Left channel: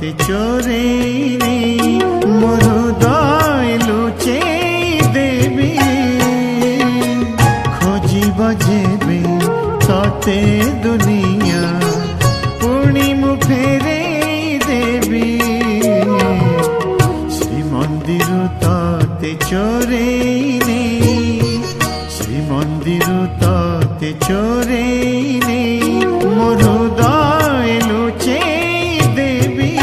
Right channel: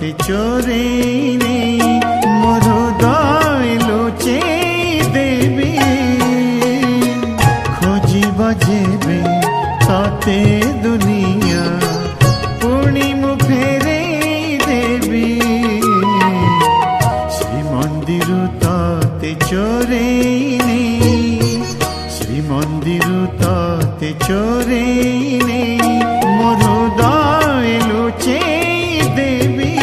তে চোরে নেই মোর হৃদয় লুচে দেবী খোঁজিব যেবে ততে দুনিয়া পুଣି মু ফেরে দেবী শ্রীমন্দির ততে চোরে নেই শ্রীমন্দির ততে চোরে নেই মোর হৃদয় লুচে দেবী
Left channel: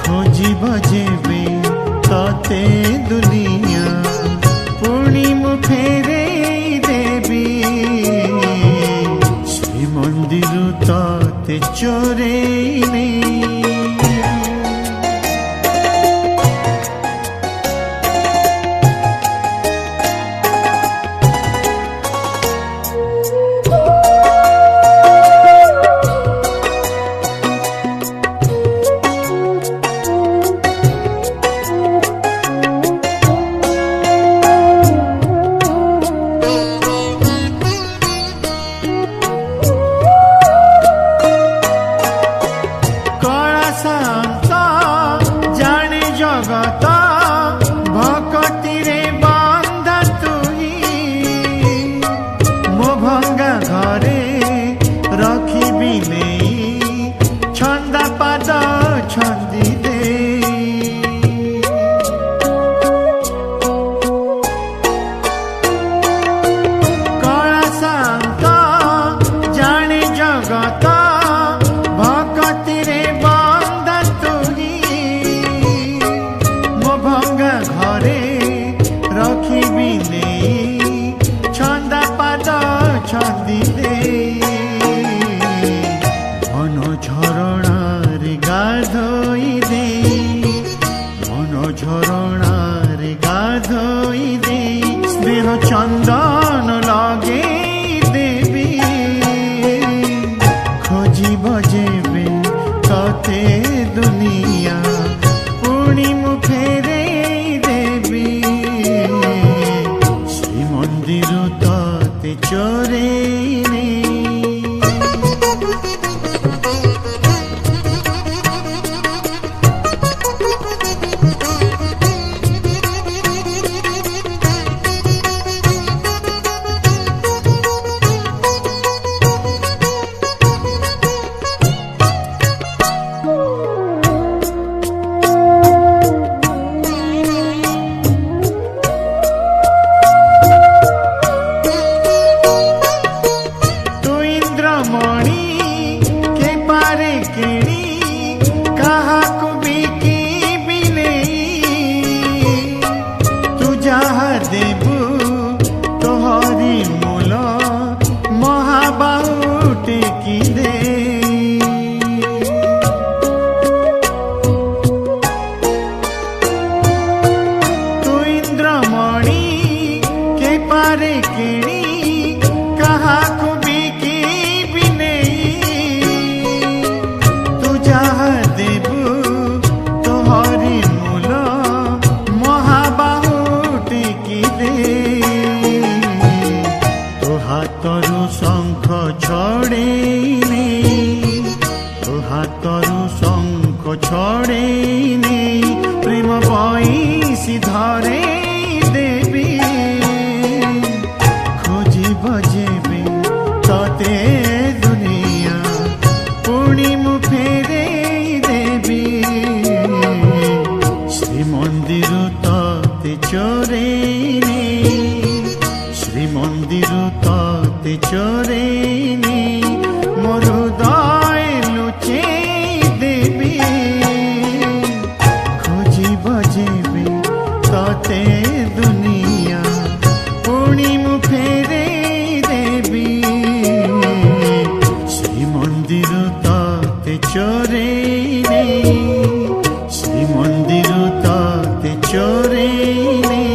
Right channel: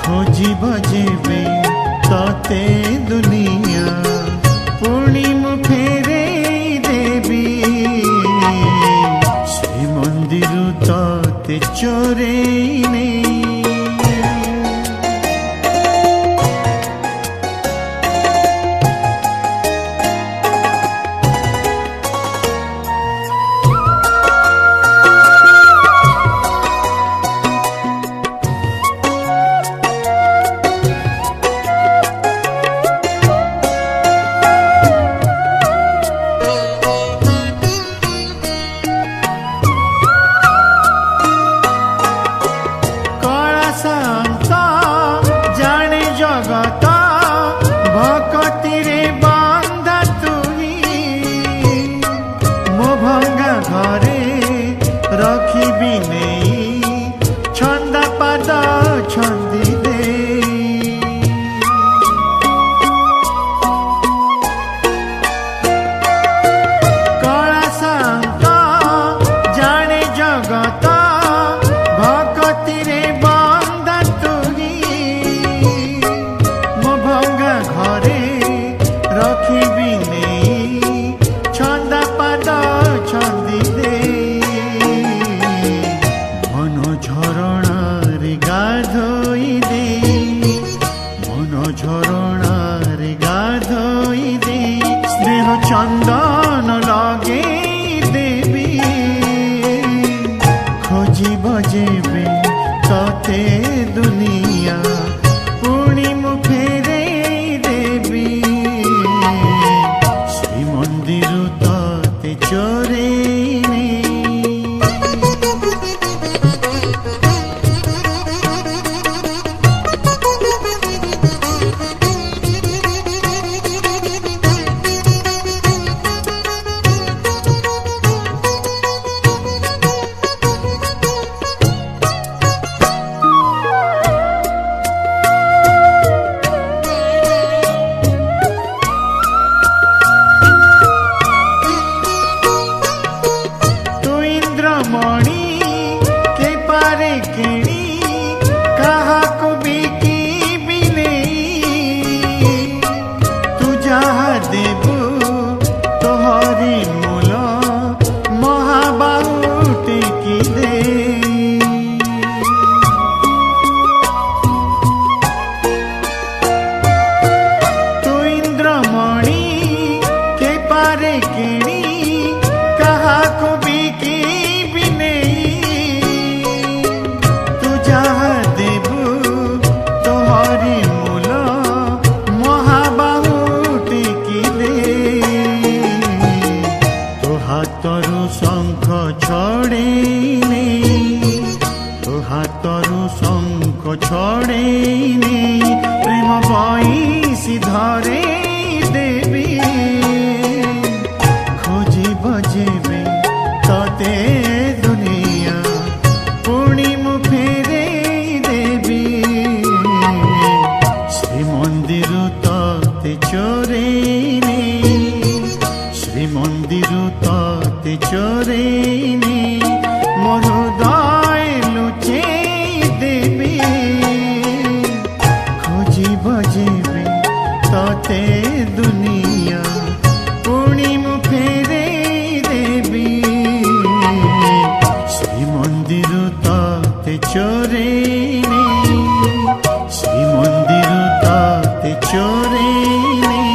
খোঁজিব যেবে ততে দুনিয়া পুଣି মু ফেরে দেবী শ্রীমন্দির ততে চোরে নেই শান্ত জানে জগত ভকতিরে বন্ধা তুই মো ভঙ্গা ঘরে রখিবি নেই ছন্দা পাদ ছন্দি দে কলা শান্ত জানে জগত ভকতিরে ভঙ্গা ঘরে রখিবি নেই ছন্দা পাদ ছন্দি দে মন ঝরଣାরে গাধোই দে মন ঝরଣାরে গাধোই দে স্নেহ চন্দন লগে দেবী খোঁজিব যেবে ততে দুনিয়া পুଣି মু ফেরে দেবী শ্রীমন্দির ততে চোরে নেই মণি কে পারে কেণি কাহাকু বিকিবি নেই তু যাহা দেবু তোহরি মূল মহাবাহু টেকি দে তু ইন্দ্রমণি কে পারে কেণি কাহাকু বিকি যাহা দেবু তোহরি মূল মহাবাহু টেকি দে তো হাতরু শঙ্খ ছড়েই নেই তো হাতরু শঙ্খ ছড়েই নেই প্রেম বইসি ধরে দেবী খোঁজিব যেবে ততে দুনিয়া পুଣି মু ফেরে দেবী শ্রীমন্দির ততে চোরে নেই শ্রীমন্দির ততে চোরে নেই মোর হৃদয় লুচে দেবী খোঁজিব যেবে ততে দুনিয়া পুଣି মু ফেরে দেবী শ্রীমন্দির ততে চোরে নেই শ্রীমন্দির ততে চোরে নেই